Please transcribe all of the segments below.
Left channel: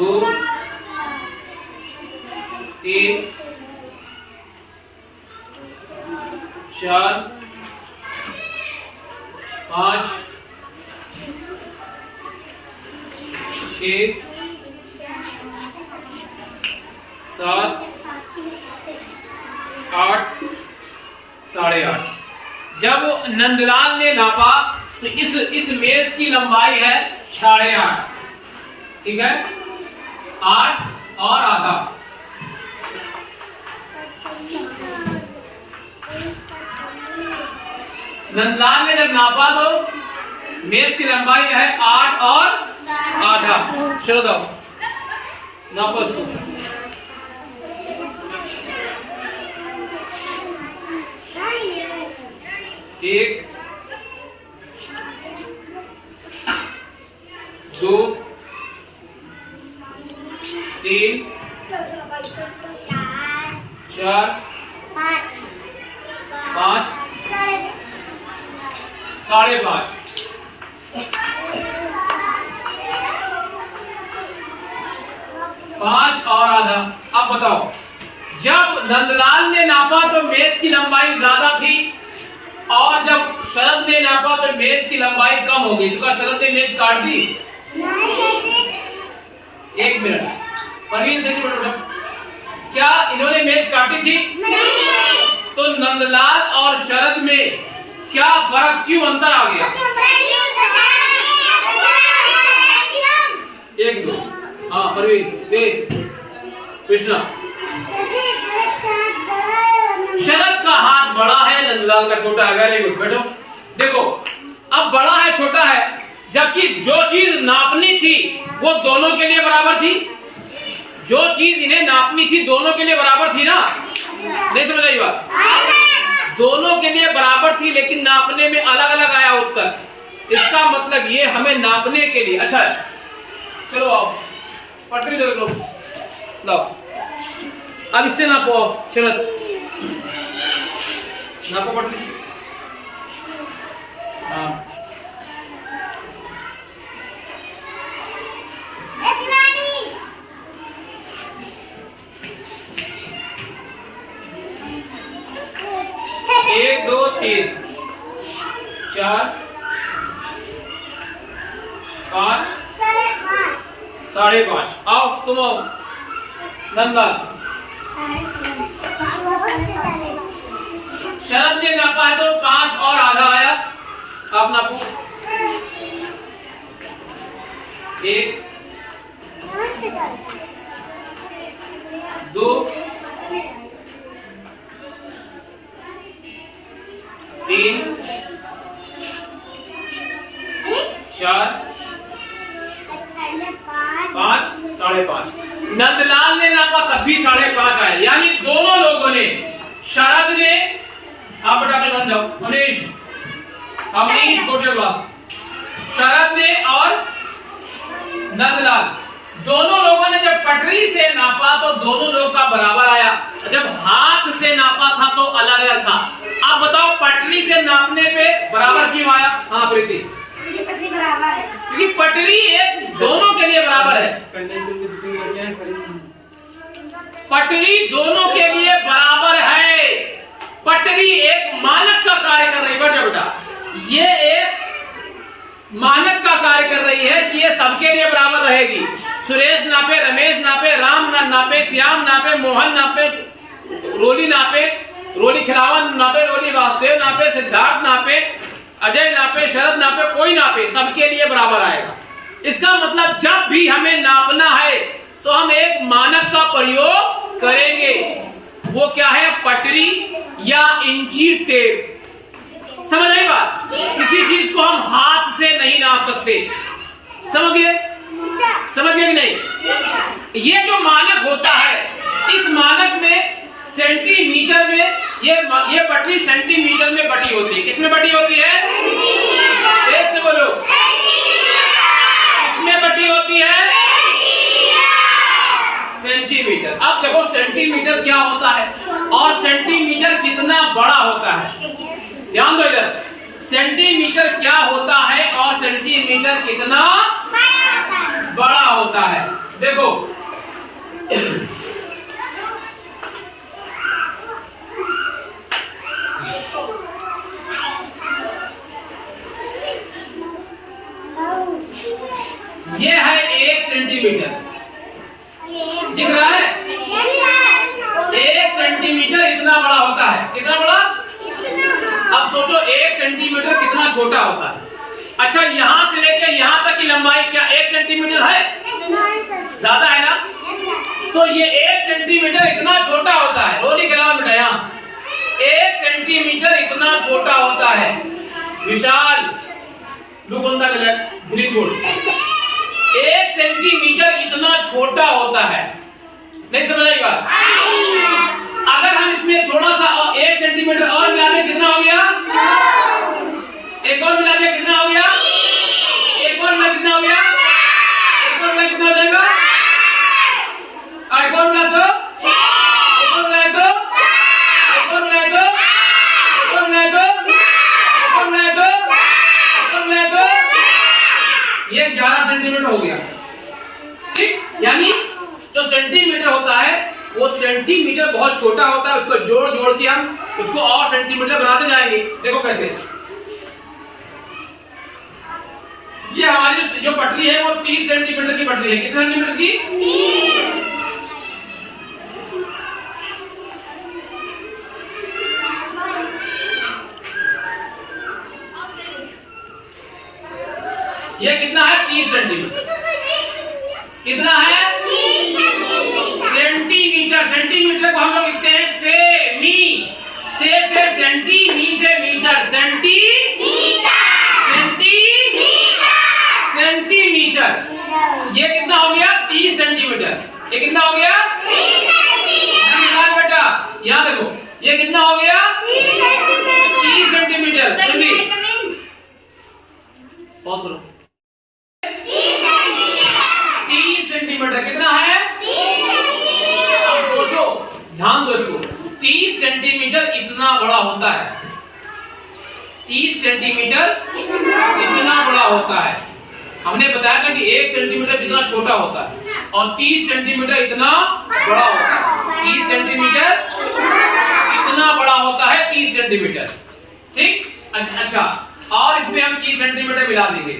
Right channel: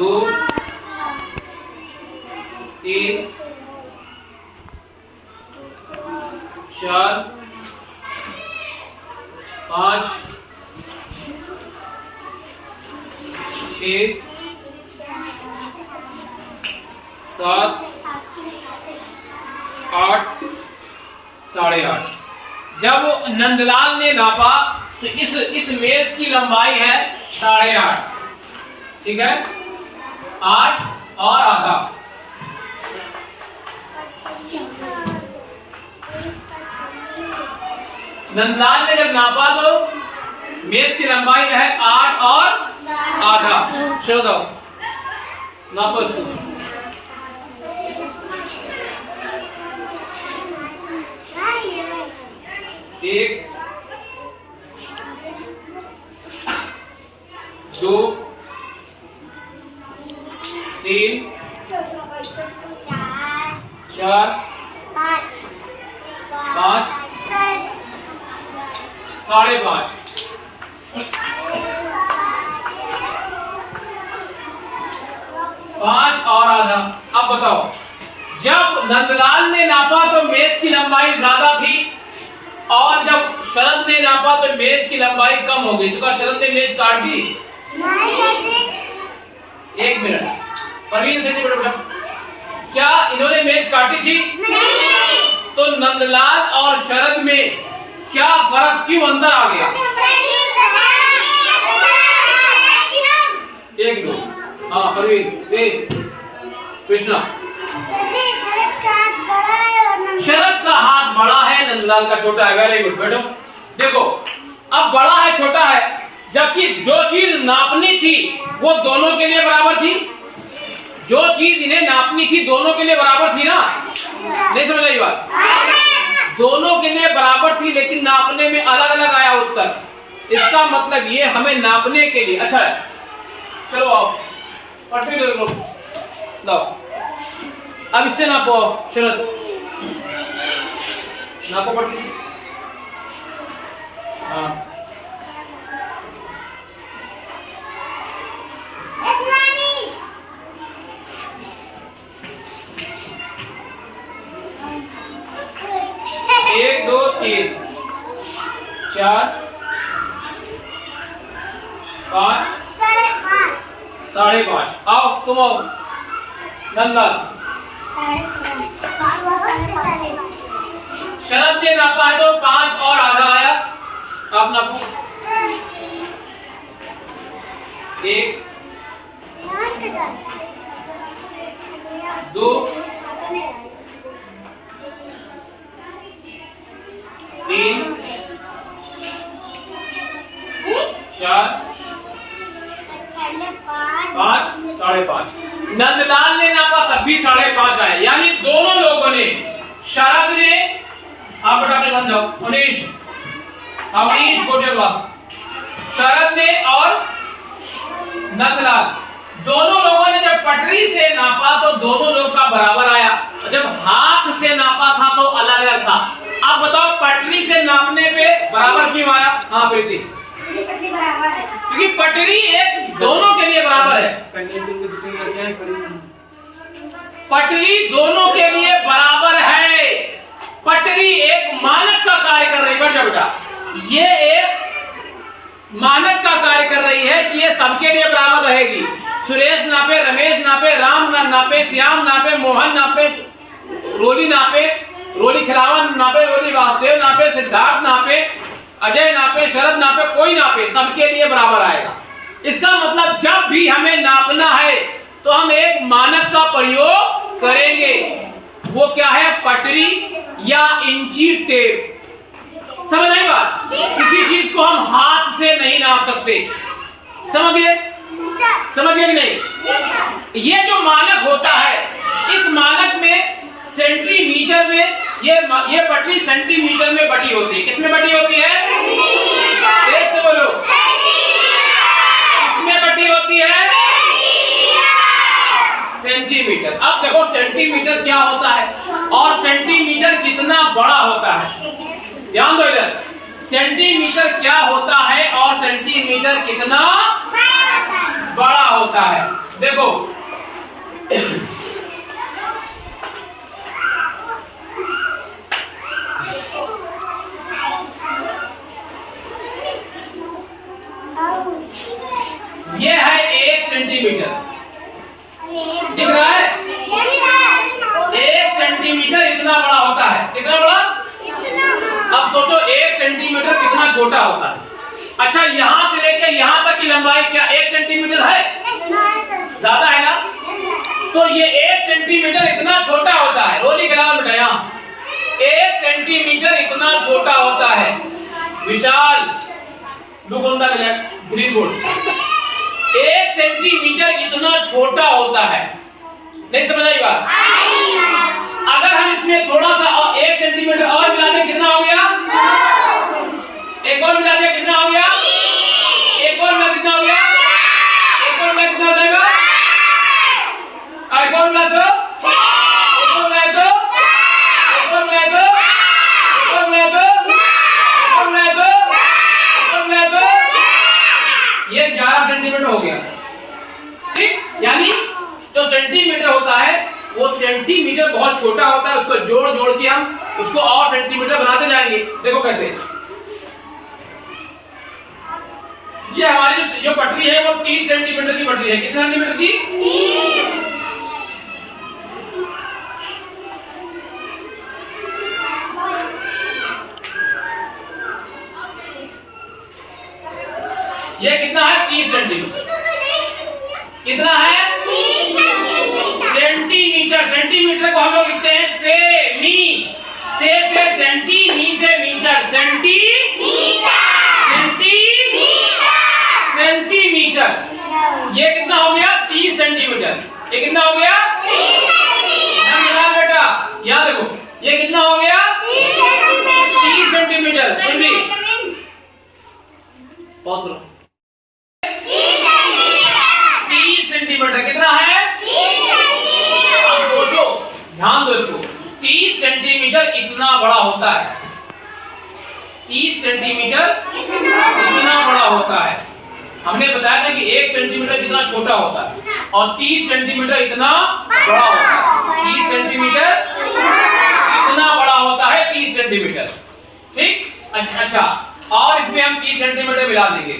2 3 4 5 6 7 8 8.5। जब नंदलाल ने नापा तो इस मेज की लंबाई है 8.5, ठीक है, 8 और आधा। नंदलाल ने जब नापा तो मेज की लंबाई है 8 और आधा। चलो दो नापो इसको। एक 2 3 4 5 5.5 5 और आधा। अब बताओ, जब नंदलाल ने नापा तो मेज की लंबाई ज्यादा थी और जब शरद ने नापा तो मेज की लंबाई कम हो गई। तो क्या शरद ने मेज काट दी? एक मिनट, परवीन से बेटा, क्या इन्होंने मेज काटी थी? नहीं। तो नंदलाल और शरद में क्या फर्क, क्यों अंतर आ गया? एक दो, हाँ परवीन, कृष्णा, शरद का हाथ बड़ा है, नंदलाल का छोटा है। वेरी गुड बेटो। देखो अब बड़ा है छोटा है, जबकि जो चीज नापनी थी वो दोनों के लिए बराबर थी। जो चीज इन्हें नापनी थी दोनों के लिए बराबर थी ना? नहीं समझ आई बात? दोनों के लिए बराबर थी, लेकिन नापने में अलग अलग आया उत्तर। इसका मतलब ये हमें नापने के लिए। अच्छा चलो आओ, पटरी दो लाओ। अब इससे नापो शरद, नापो पटरी। हाँ एक 2 3 4 5 5.5। आओ तुम आओ नंदलाल। शरद ने नापा है तो 5 और आधा आया। आप नापो। 1 2 3 4 5 5.5। नंदलाल ने नापा तब भी 5.5 आया। यानी दोनों लोगों ने, शरद ने, आप बता के जाओ अनीश, अवनीश गोटे क्लास, शरद ने और नंदलाल, दोनों लोगों ने जब पटरी से नापा तो दोनों लोग का बराबर आया। जब हाथ से नापा था तो अलग अलग था। अब बताओ पटरी से नापने पे बराबर क्यों आया? हाँ प्रीति, बराबर है क्योंकि पटरी एक दोनों के लिए बराबर है। पटरी दोनों के लिए बराबर है। पटरी एक मानक का कार्य कर रही है बेटा, ये एक मानक का कार्य कर रही है कि ये सबके लिए बराबर रहेगी। सुरेश नापे, रमेश नापे, राम नापे, श्याम नापे, मोहन नापे, रोली नापे, रोली खिलावन नापे, रोली वासुदेव नापे, सिद्धार्थ नापे, अजय नापे, शरद नापे, कोई नापे, सबके लिए बराबर आएगा। इसका मतलब जब भी हमें नापना है तो हम एक मानक का प्रयोग करेंगे। वो क्या है? पटरी या इंची टेप। समझ आई बात? किसी चीज को हम हाथ से नहीं नाप सकते। समझ गए? समझ गए कि नहीं? ये जो मानक होता है, इस मानक में सेंटीमीटर में ये पटरी सेंटीमीटर में बटी होती है। किसमें बटी होती है? तेज से बोलो। किसमें बटी होती है? सेंटीमीटर। अब देखो सेंटीमीटर क्या होता है और सेंटीमीटर कितना बड़ा होता है। ध्यान दो इधर, सेंटीमीटर क्या होता है और सेंटीमीटर कितना बड़ा होता है। देखो ये है 1 सेंटीमीटर, दिख रहा है? 1 सेंटीमीटर इतना बड़ा होता है। कितना बड़ा? अब सोचो 1 सेंटीमीटर कितना छोटा होता है। अच्छा, यहां से लेकर यहां तक की लंबाई क्या 1 सेंटीमीटर है? ज्यादा है ना? तो ये 1 सेंटीमीटर इतना छोटा होता है। रोली करा बेटा, यहाँ 1 सेंटीमीटर इतना छोटा होता है। विशाल दुगुंदा ग्रीन बोर्ड 1 सेंटीमीटर इतना छोटा होता है। नहीं समझ आई बात? अगर हम इसमें थोड़ा सा और 1 सेंटीमीटर और मिला दें, कितना हो गया? एक और मिला दिया, कितना हो गया? एक और मिला, कितना हो गया? एक और मिला, कितना हो जाएगा? एक और मिला तो एक और मिला तो एक और मिला तो एक और मिला तो एक और मिला तो एक और मिला तो ये 11 सेंटीमीटर हो गया। ठीक, यानी जो सेंटीमीटर होता है वो सेंटीमीटर बहुत छोटा होता है। उसको जोड़ जोड़ के हम उसको और सेंटीमीटर बनाते जाएंगे। देखो कैसे, ये हमारी जो पटरी है वो 30 सेंटीमीटर की पटरी है। कितने सेंटीमीटर की? 30। ये कितना है? 30 सेंटीमीटर। कितना है? 30 सेंटीमीटर। सेंटीमीटर को हम लोग लिखते हैं सेमी। से सेंटी, मी से मीटर, सेंटीमीटर। ये कितना हो गया? 30 सेंटीमीटर। ये कितना हो गया? 30 बेटा, यहाँ देखो, ये कितना हो गया? 30 सेंटीमीटर। सुन भी, पॉज करो। 30 सेंटीमीटर कितना है? अब सोचो, ध्यान दो इसको। 30 सेंटीमीटर इतना बड़ा होता है। 30 सेंटीमीटर इतना बड़ा होता है। हमने बताया था कि 1 सेंटीमीटर जितना छोटा होता है और 30 सेंटीमीटर इतना बड़ा होता है। 30 सेंटीमीटर इतना बड़ा होता है। 30 सेंटीमीटर। ठीक, अच्छा, और इसमें हम 30 सेंटीमीटर मिला देंगे।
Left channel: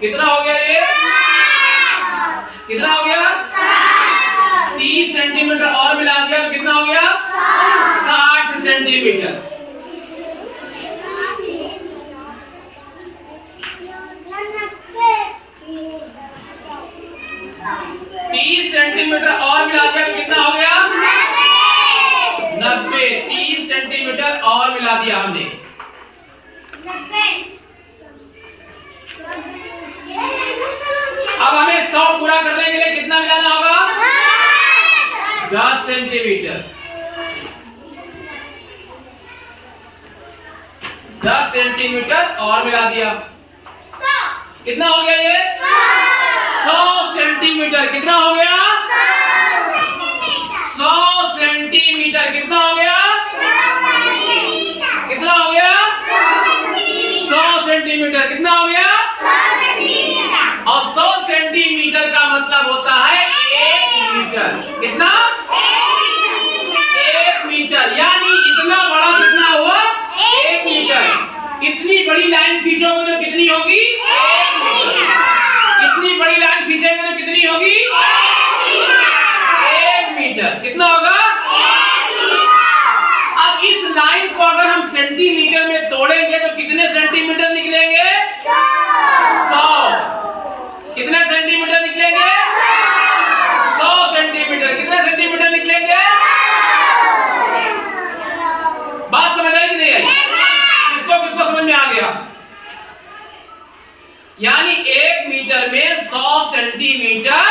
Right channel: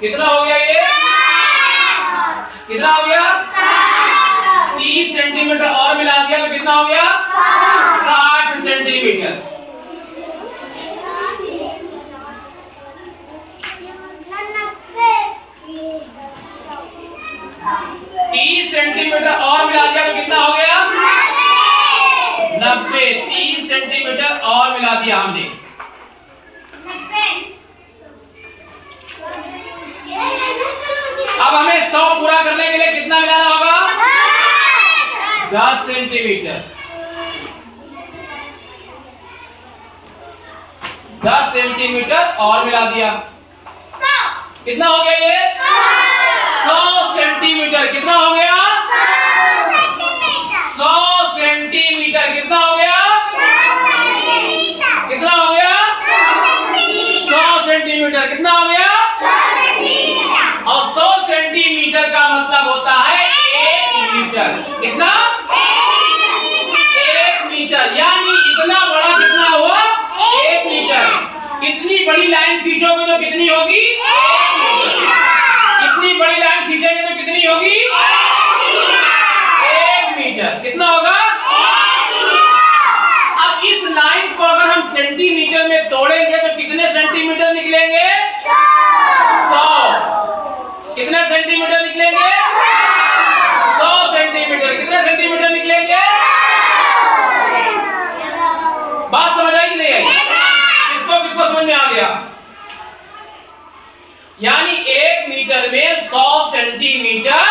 कितना हो गया? ये कितना हो गया? 30 सेंटीमीटर और मिला दिया तो कितना हो गया? 60 सेंटीमीटर। सेंटीमीटर और मिला दिया तो कितना हो गया? 90। 30 सेंटीमीटर और मिला दिया हमने। अब हमें 100 पूरा करने के लिए कितना मिलाना होगा? 10 सेंटीमीटर। 10 सेंटीमीटर और मिला दिया। कितना हो गया ये? 100 सेंटीमीटर। कितना हो गया? 100 सेंटीमीटर। कितना हो गया? कितना हो गया? 100 सेंटीमीटर। कितना हो गया? और 100 सेंटीमीटर का मतलब होता है 1 मीटर। कितना? 1 मीटर। यानी इतना बड़ा कितना हुआ? 1 मीटर। इतनी बड़ी लाइन खींचोगे तो कितनी होगी? 1 मीटर। इतनी बड़ी लाइन खींचेंगे तो कितनी होगी? 1 मीटर। कितना होगा? अब इस लाइन को अगर हम सेंटीमीटर में तोड़ेंगे तो कितने सेंटीमीटर निकलेंगे? 100। कितने सेंटीमीटर निकलेंगे? 100 सेंटीमीटर। कितने सेंटीमीटर निकलेंगे? बात समझ आई कि नहीं आई? किसको किसको समझ में आ गया? यानी 1 मीटर में 100 सेंटीमीटर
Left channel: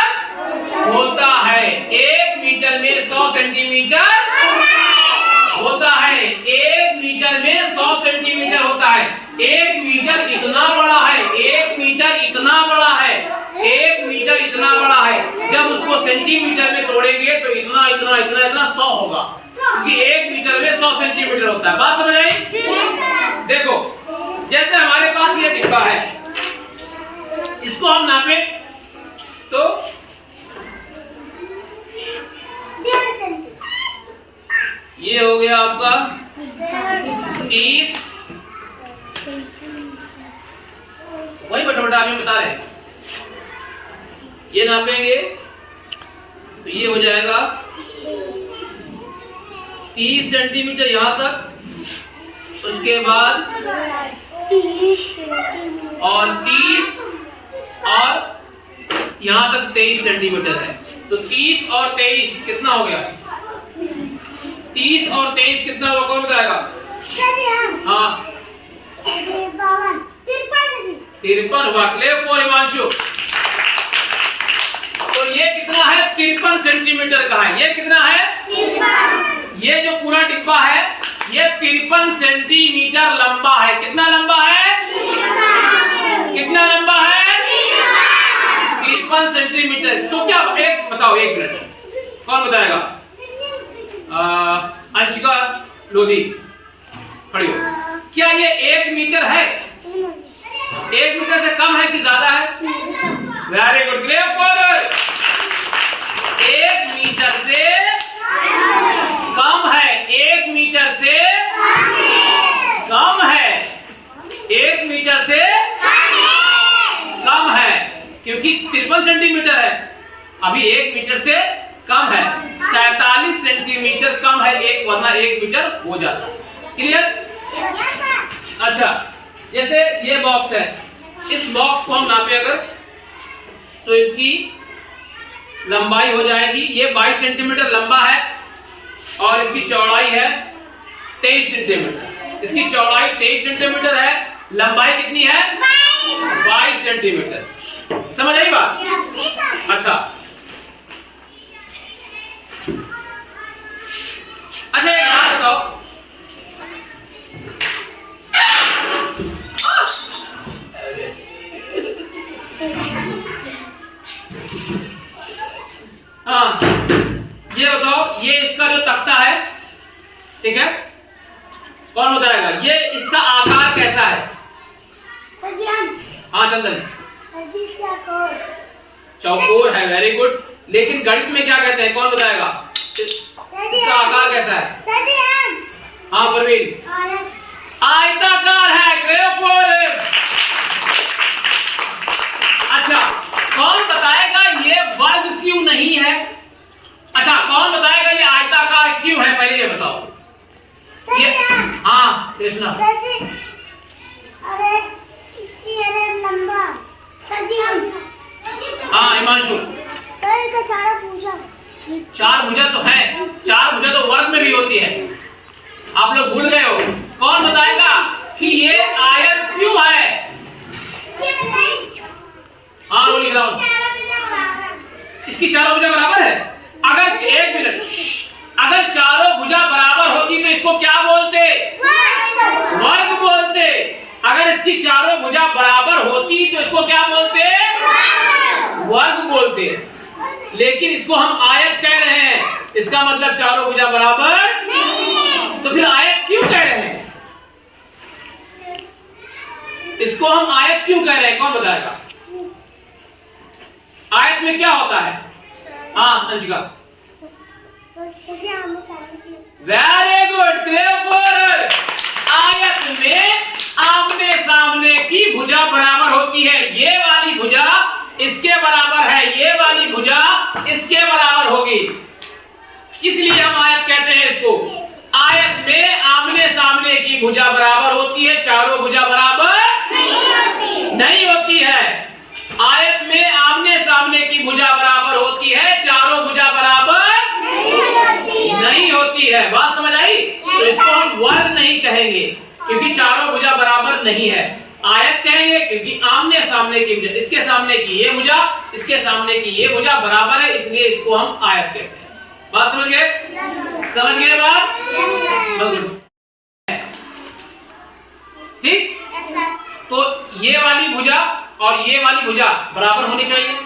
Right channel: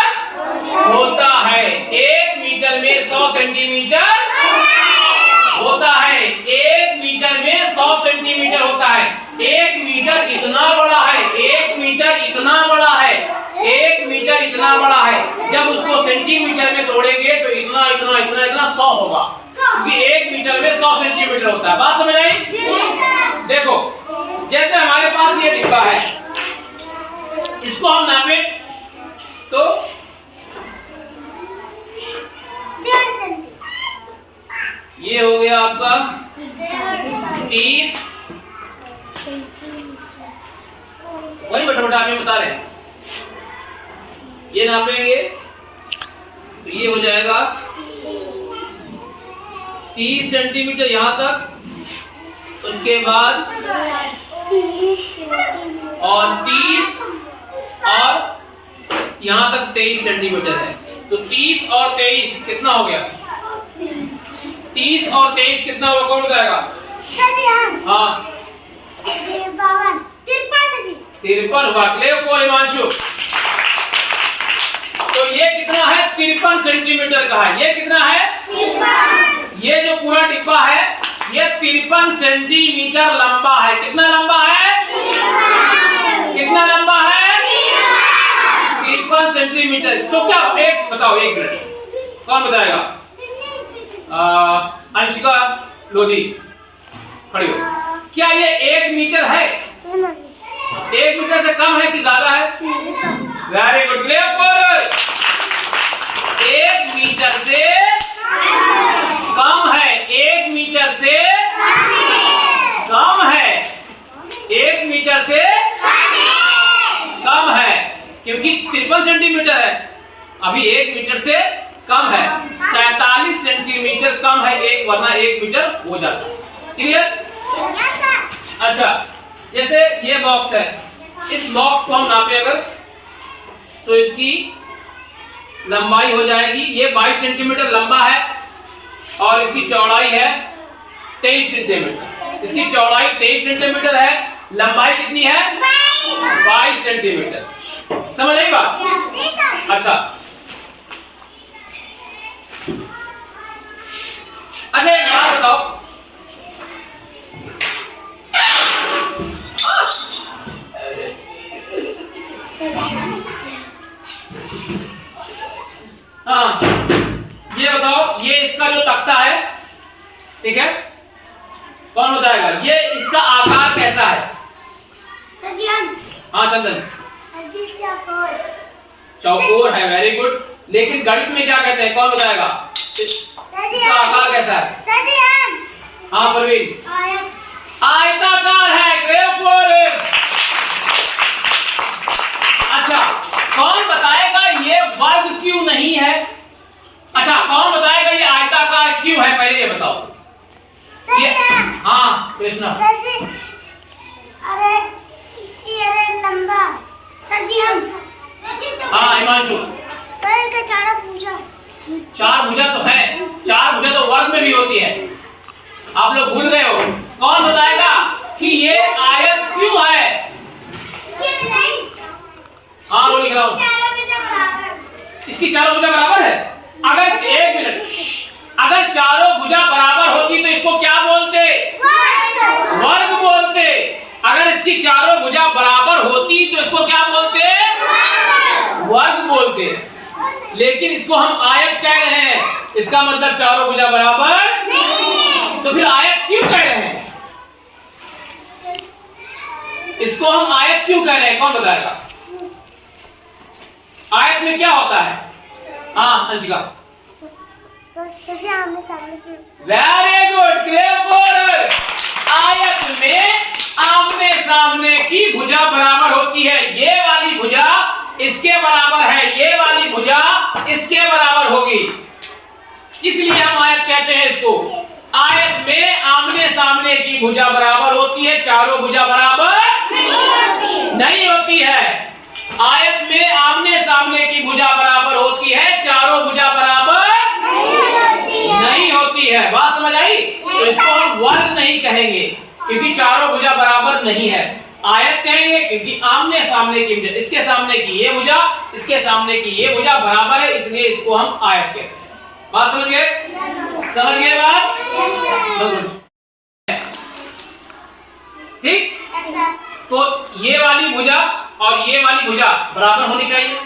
होता है। 1 मीटर में 100 सेंटीमीटर होता है। 1 मीटर में 100 सेंटीमीटर होता है। 1 मीटर इतना बड़ा है। 1 मीटर इतना बड़ा है। 1 मीटर इतना बड़ा है। जब उसको सेंटीमीटर इतना इतना इतना 100 होगा, क्योंकि 1 मीटर में 100 सेंटीमीटर होता है। बात समझ आई? देखो जैसे हमारे पास ये डिब्बा है, इसको हम नापे तो ये हो गया आपका 30, वही बटा आप बता रहे हैं, ये नापेंगे तो ये हो जाएगा 30 सेंटीमीटर यहां तक, उसके बाद और 30 और यहां तक 23 सेंटीमीटर है। तो 30 और 23 कितना हो गया? 30 और 23 कितना होगा? कौन बताएगा? हाँ 53 हुआ। Clear for Himanshu. तो ये कितना है? 53 सेंटीमीटर का है। ये कितना है? 53। ये जो पूरा डिब्बा है ये 53 सेंटीमीटर लंबा है। कितना लंबा है? 53। कितना लंबा है? 53 सेंटीमीटर। तो क्या एक बताओ, एक मिनट कौन बताएगा? अंशिका लोधी खड़ी हो। क्या ये 1 मीटर है? 1 मीटर से कम है कि ज्यादा है? Very good. Clear for 1 meter से कम है। 1 मीटर से कम है। 1 मीटर से कम है, क्योंकि 53 सेंटीमीटर है। अभी 1 मीटर से कम है। 47 सेंटीमीटर कम है एक, वरना 1 मीटर हो जाता है। क्लियर? अच्छा, जैसे ये बॉक्स है, इस बॉक्स को हम नापे अगर तो इसकी लंबाई हो जाएगी, ये 22 सेंटीमीटर लंबा है और इसकी चौड़ाई है 23 सेंटीमीटर। इसकी चौड़ाई 23 सेंटीमीटर है, लंबाई कितनी है? 22 सेंटीमीटर। समझ आई बात? अच्छा अच्छा, एक बात बताओ, हाँ ये बताओ, ये इसका जो तख्ता है, ठीक है, कौन बताएगा? ये इसका आकार कैसा है? हाँ चंदन, चौकोर है। Very good. लेकिन गणित में क्या कहते हैं? कौन बताएगा? इसका आकार कैसा है? हाँ परवीन, आयताकार है। अच्छा, कौन बताएगा ये वर्ग क्यों नहीं है? अच्छा, कौन बताएगा ये आयताकार क्यों है? पहले ये बताओ। ये हाँ कृष्णा, अरे लंबा हाँ हिमांशु, चार भुजा तो है, 4 भुजा तो वर्ग में भी होती है। आप लोग भूल गए हो। कौन बताएगा कि ये आयत क्यों है? हाँ रोली ग्राउंड, इसकी चारों भुजा बराबर है। अगर 1 मिनट, अगर चारों भुजा बराबर होती तो इसको क्या बोलते? वर्ग बोलते। अगर इसकी चारों भुजा बराबर होती तो इसको क्या बोलते? वर्ग बोलते। लेकिन इसको हम आयत कह रहे हैं, इसका मतलब चारों भुजा बराबर नहीं। तो फिर आयत क्यों कह रहे हैं? इसको हम आयत क्यों कह रहे हैं? कौन बताएगा? आयत में क्या होता है? हाँ Anshika, very good. Clear for आयत में आमने सामने की भुजा बराबर होती है। ये वाली भुजा इसके बराबर है, ये वाली भुजा इसके बराबर होगी, इसलिए हम आयत कहते हैं इसको। आयत में आमने सामने की भुजा बराबर होती है, चारों भुजा बराबर नहीं होती है। आयत में आमने सामने की भुजा बराबर होती है, चारों भुजा बराबर नहीं होती है। बात समझ आई? तो इसको हम वर्ग नहीं कहेंगे क्योंकि चारों भुजा बराबर नहीं है। आयत कहेंगे क्योंकि आमने सामने की भुजा, इसके सामने की ये भुजा, इसके सामने की ये भुजा बराबर है, इसलिए इसको हम आयत कहते हैं। बात समझ गए? समझ गए बात? ठीक। तो ये वाली भुजा और ये वाली भुजा बराबर होनी चाहिए।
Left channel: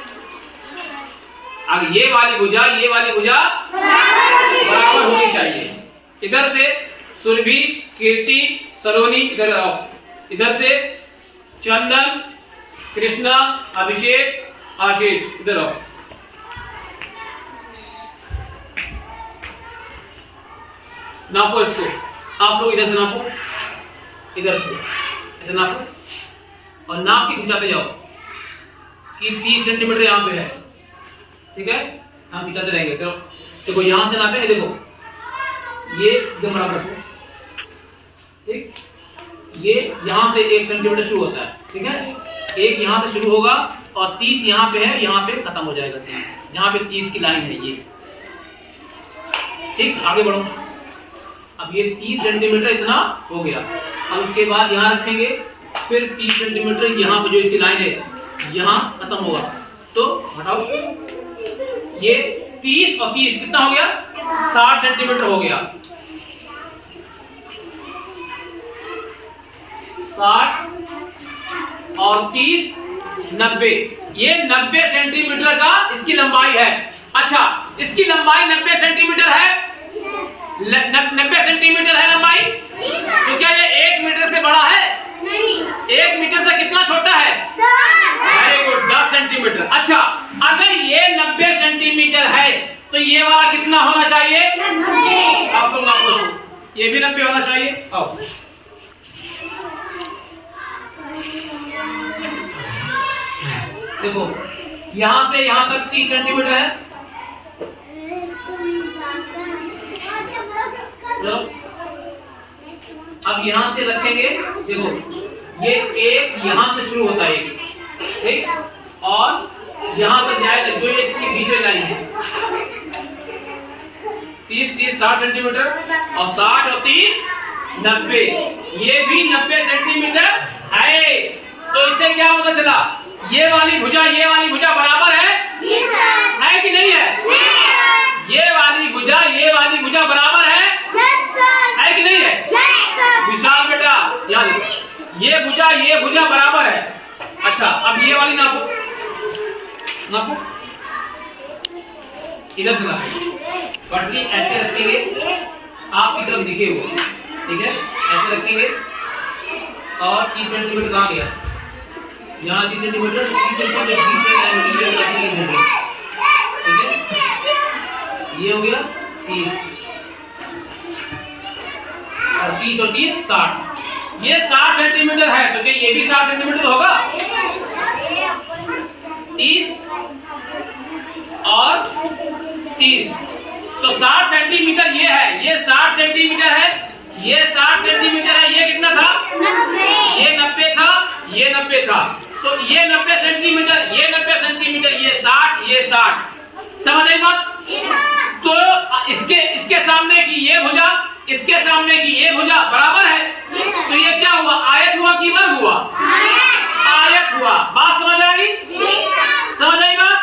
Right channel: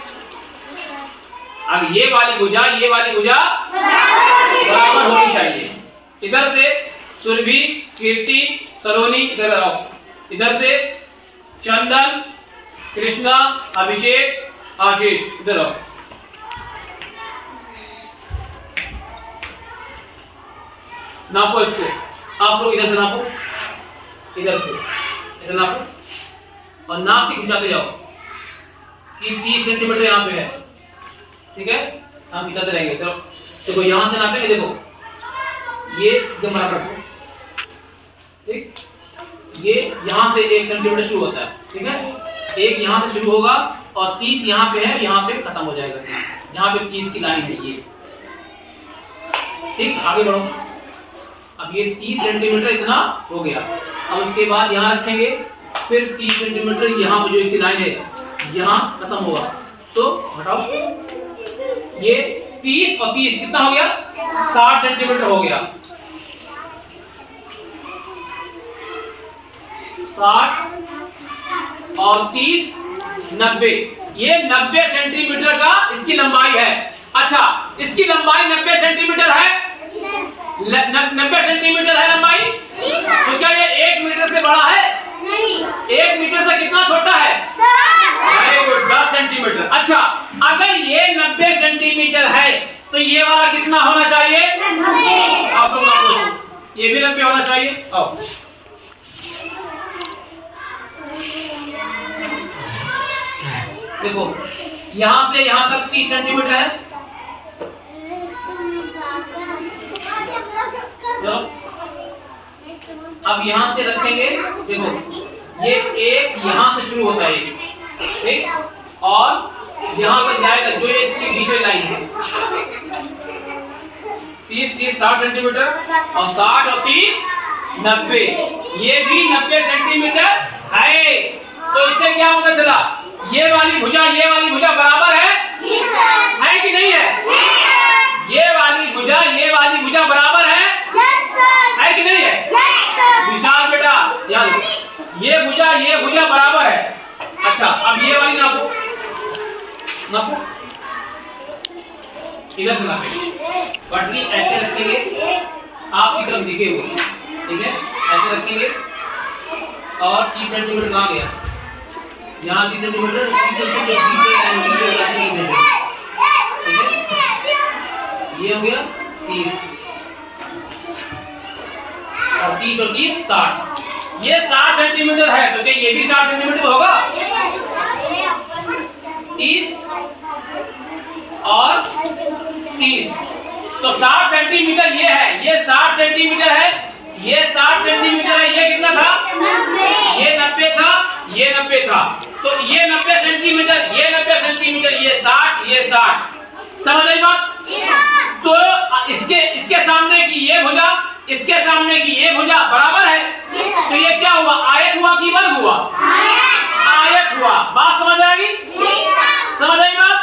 अब ये वाली भुजा, ये वाली भुजा बराबर होनी चाहिए। इधर से सुरभि, कीर्ति, सलोनी इधर आओ, इधर से चंदन, कृष्णा, अभिषेक, आशीष इधर आओ। नापो इसको, आप लोग इधर से नापो, इधर से ऐसे नापो और नाप के खिंचाते जाओ कि 30 सेंटीमीटर यहाँ पे है, ठीक है। हम खिंचाते रहेंगे। चलो देखो, यहां से नापेंगे, देखो ये एकदम बराबर रखो, ठीक। ये यहां से 1 सेंटीमीटर शुरू होता है, ठीक है। एक यहां से शुरू होगा और 30 यहाँ पे है, यहाँ पे खत्म हो जाएगा 30, जहां पे 30 की लाइन है ये, ठीक। आगे बढ़ो। अब ये 30 सेंटीमीटर इतना हो गया। अब उसके बाद यहाँ रखेंगे, फिर 30 सेंटीमीटर यहाँ पे जो इसकी लाइन है यहाँ खत्म होगा, तो हटाओ। ये 30 और 30 कितना हो गया? 60 सेंटीमीटर हो गया। 60 और 30 90, ये 90 सेंटीमीटर का इसकी लंबाई है। अच्छा, इसकी लंबाई 90 सेंटीमीटर है, 90 सेंटीमीटर है लंबाई। तो क्या ये 1 मीटर से बड़ा है? नहीं। 1 मीटर से कितना छोटा है? 10 सेंटीमीटर। अच्छा, अगर ये 90 सेंटीमीटर है तो ये वाला कितना होना चाहिए? आप लोग नापो, ये भी 90 होना चाहिए। आओ, देखो यहां से यहां तक 30 सेंटीमीटर है। चलो अब यहां से रखेंगे, देखो ये एक यहां से शुरू होता है, ठीक, और यहां पर जाएगा जो ये इसकी बीच में लाइन है। 30 60 सेंटीमीटर और 60 और 30 90, ये भी 90 सेंटीमीटर है। तो इससे क्या पता चला? ये वाली भुजा बराबर है कि नहीं है? ये वाली भुजा बराबर है कि नहीं है? विशाल बेटा याद रखो, ये भुजा बराबर है। अच्छा, अब ये वाली नापो, इधर से नापो। पटरी ऐसे रखेंगे, आपकी तरफ दिखे हुए, ठीक है, ऐसे रखेंगे। और 30 सेंटीमीटर कहाँ गया? यहाँ 30 सेंटीमीटर, 30 सेंटीमीटर ठीक है। ये हो गया 30 और 30 और 30 60, ये 60 सेंटीमीटर है, तो क्या ये भी 60 सेंटीमीटर होगा? 30 और 30, तो 60 सेंटीमीटर ये है, ये 60 सेंटीमीटर है, ये 60 सेंटीमीटर है। ये कितना था? ये 90 था, ये 90 था, तो ये 90 सेंटीमीटर, ये 90 सेंटीमीटर, ये 60, ये 60। समझ आई बात? तो इसके सामने की ये भुजा, इसके सामने की ये भुजा बराबर है, तो ये क्या हुआ? आयत हुआ कि वर्ग हुआ? आयत हुआ। बात समझ आएगी? समझ आई बात?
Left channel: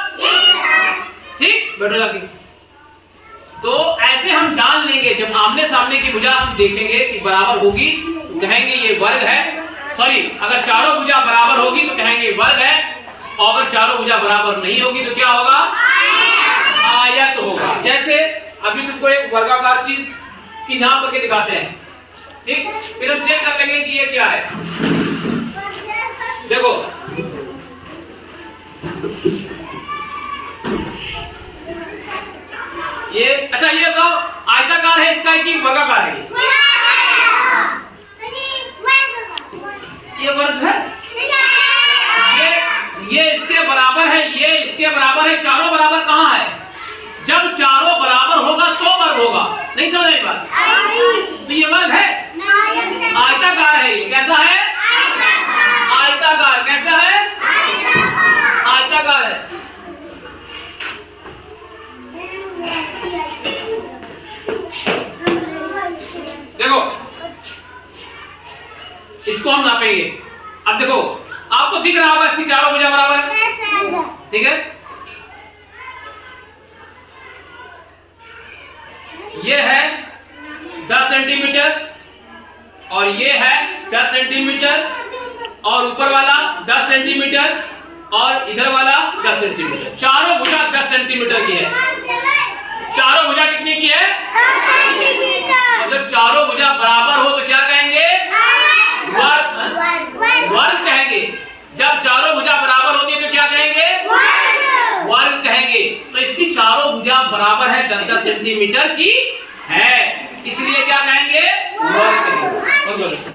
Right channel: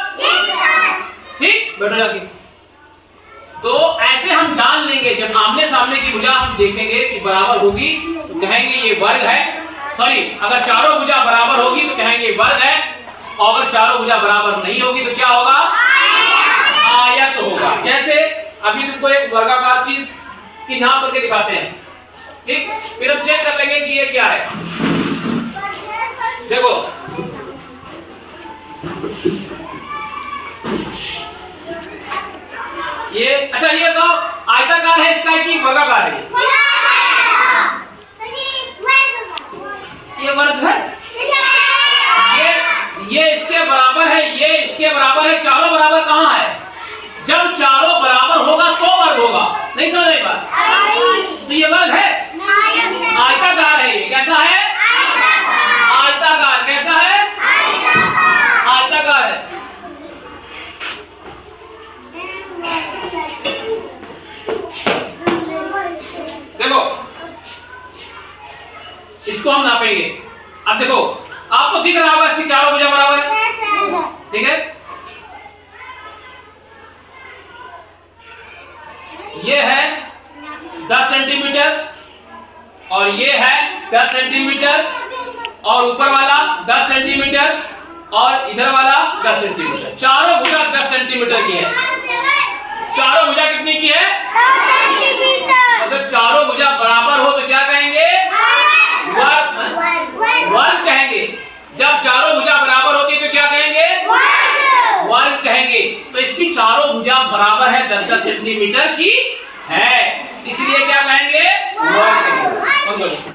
ठीक, बैठो जाके। तो ऐसे हम जान लेंगे, जब आमने सामने की भुजा हम देखेंगे कि बराबर होगी तो कहेंगे ये वर्ग है। सॉरी, अगर चारों भुजा बराबर होगी तो कहेंगे वर्ग है, और अगर चारों भुजा बराबर नहीं होगी तो क्या होगा? आयत होगा। जैसे अभी तुमको एक वर्गाकार चीज की नाप करके दिखाते हैं, ठीक, फिर हम चेक कर लेंगे कि ये क्या है। देखो ये, अच्छा ये बताओ आयताकार है इसका कि वर्गाकार है? ये वर्ग है, ये इसके बराबर है, ये इसके बराबर है। चारों बराबर कहाँ है? जब चारों बराबर होगा तो वर्ग होगा। नहीं समझ आई बात? तो ये वर्ग है, आयताकार है। ये कैसा है? आयताकार। कैसा है? आयताकार है। देखो इसको हम नापेंगे। अब देखो आपको दिख रहा होगा इसकी चारों भुजा बराबर है, ठीक है। ये है 10 सेंटीमीटर और ये है 10 सेंटीमीटर, और ऊपर वाला 10 सेंटीमीटर और इधर वाला 10 सेंटीमीटर। चारों भुजा 10 सेंटीमीटर की है। चारों भुजा कितने की है? 10 सेंटीमीटर। मतलब चारों भुजा बराबर हो तो क्या कहेंगे? वर्ग कहेंगे। जब चारों भुजा बराबर होती है तो क्या कहेंगे? वर्ग कहेंगे। तो इसकी चारों भुजा बराबर है 10 सेंटीमीटर की है, इसलिए क्या कहेंगे? वर्ग कहेंगे।